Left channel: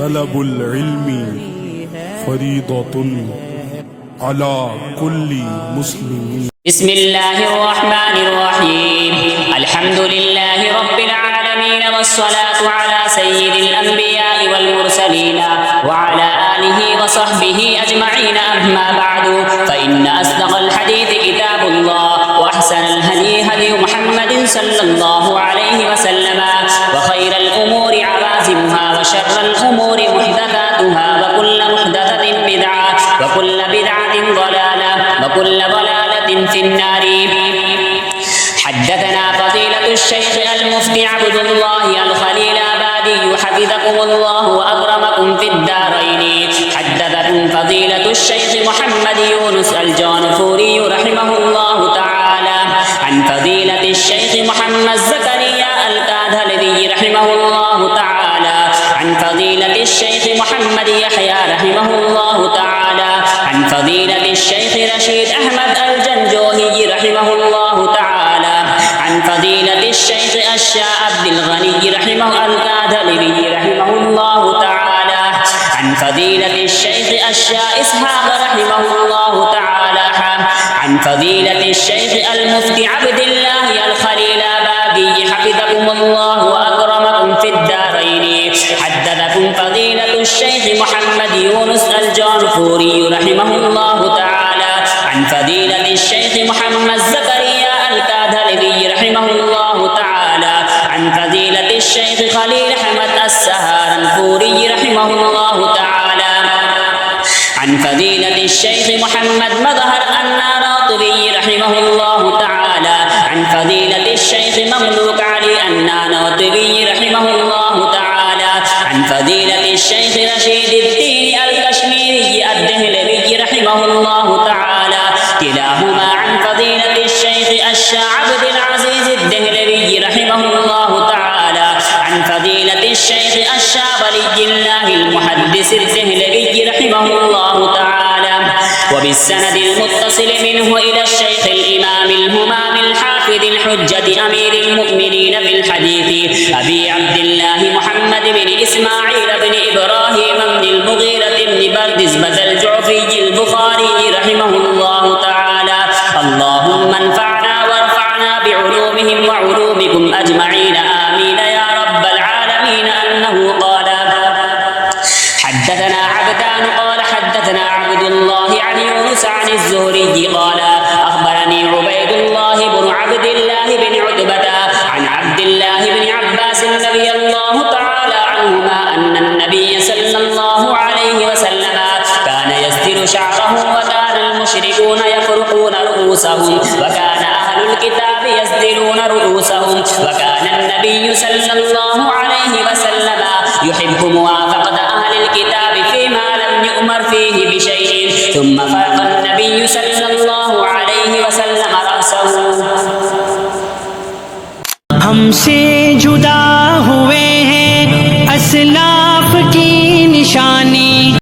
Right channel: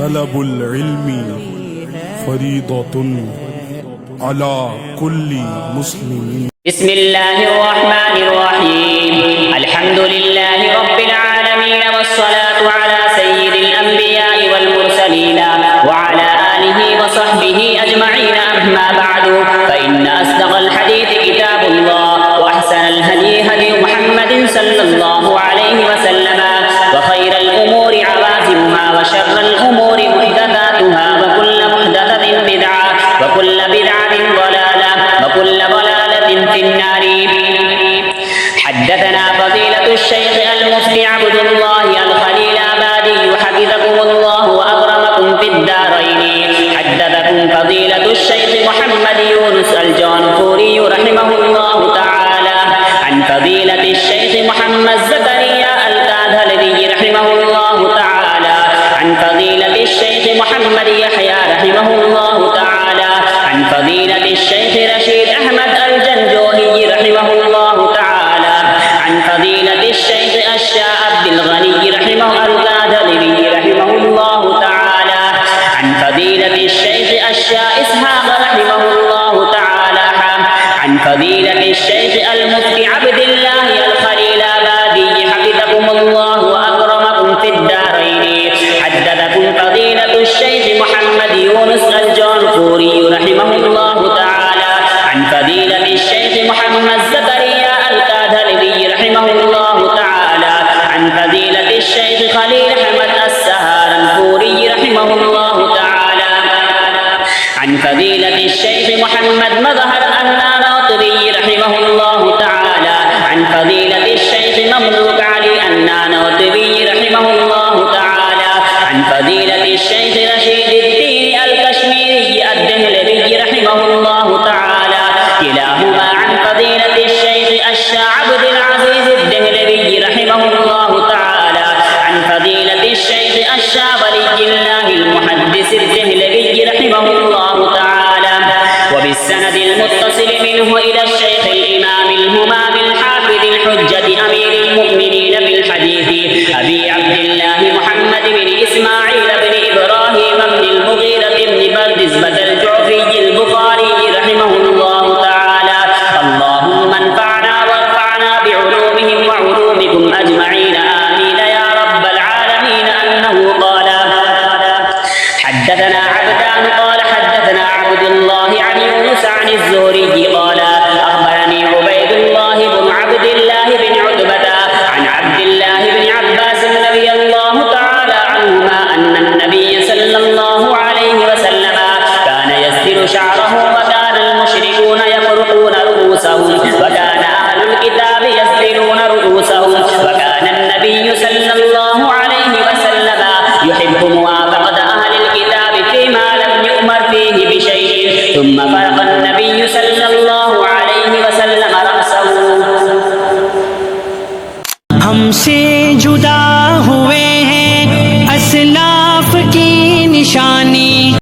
তলবুল ইলমি ফরিদাতুন আলা কুল্লি মুসলিমিন। বিসমিল্লাহির রহমানির রহিম। আলহামদুলিল্লাহি রাব্বিল আলামিন ওয়াস সালাতু আলা সাইয়্যিদিল আমবিয়াই ওয়াল মুরসালিন ওয়া আলা আলিহি ওয়া সাহবিহি আজমাইন। আম্মা বা'দু ফাইন্না আসদাকাল হাদীথি কিতাবুল্লাহ ওয়া আহসানাল হাদী হাদী মুহাম্মাদিন সাল্লাল্লাহু আলাইহি ওয়া সাল্লাম ওয়া খায়রাল উমুরি আওয়াজিমুহা ওয়া শাররাল উমুরি মুহদাসাতুহা ওয়া কুল্লু মুহদাসাতিন বিদআহ ওয়া কুল্লু বিদআতিন দালালাহ ওয়া কুল্লু দালালাতিন ফিন-নার। حدثنا فضيلة الشيخ المفتي عبد الله الخليلابادي حفظكم الله وأكرمكم في الدارين. حدثكم فضيلة الشيخ محمد يونس الجانفوري رحمه الله تعالى عن فضيلة الشيخ محمد زكريا الكادهلوي رحمه الله تعالى عن فضيلة الشيخ محمد يحيى رحمه الله تعالى عن فضيلة الشيخ رشيد أحمد الجنجوهي رحمه الله تعالى عن فضيلة الشيخ الشاه عبد الغني رحمه الكادهلوي رحمه الله تعالى عن فضيلة الشيخ الشاه إسحاق رحمه الله تعالى عن فضيلة الشيخ المفتي عبد الله الخليلابادي حفظكم الله وأكرمكم في الدارين. حدثكم فضيلة الشيخ محمد يونس الجانفوري رحمه الله تعالى عن فضيلة الشيخ محمد زكريا الكادهلوي رحمه الله تعالى عن فضيلة الشيخ خليل أحمد السهارنپوري رحمه الله تعالى عن فضيلة الشيخ محمد مظهر النانوتبي رحمه الله تعالى عن فضيلة الشيخ مملوك علي النانوتبي رحمه الله تعالى عن فضيلة الشيخ رشيد الدين الكشميري الدهلوي رحمه الله تعالى كلاهما عن فضيلة الشيخ الشاه عبد العزيز الدهلوي رحمه الله تعالى عن فضيلة الشيخ الشاه ولي الله المحدث الدهلوي رحمه الله تعالى وبالسند المتصل منه إلى الشيخ الإمام الهمام الحافظ الحجة أمير المؤمنين في الحديث أبي عبد الله محمد بن إسماعيل بن إبراهيم بن المغيرة بن بردزبة الجعفي البخاري رحمه الله تعالى. اللهم انفعنا وارفعنا بعلومهم وعلومكم أجمعين آمين يا رب العالمين. أنه قال حدثنا عبدان قال حدثنا عبد الله عن يونس عن الزهري قال أخبرني عبيد الله بن عبد الله بن عتبة عن عبد الله بن عباس رضي الله تعالى عنهما أن النبي صلى الله عليه وسلم كان يسدل شعره وكان المشركون يفرقون رؤوسهم وكان أهل الكتاب يسدلون رؤوسهم وكان النبي صلى الله عليه وسلم يحب موافقة أهل الكتاب فيما لم يؤمر فيه بشيء. ثم فرق النبي صلى الله عليه وسلم رأسه. हमसे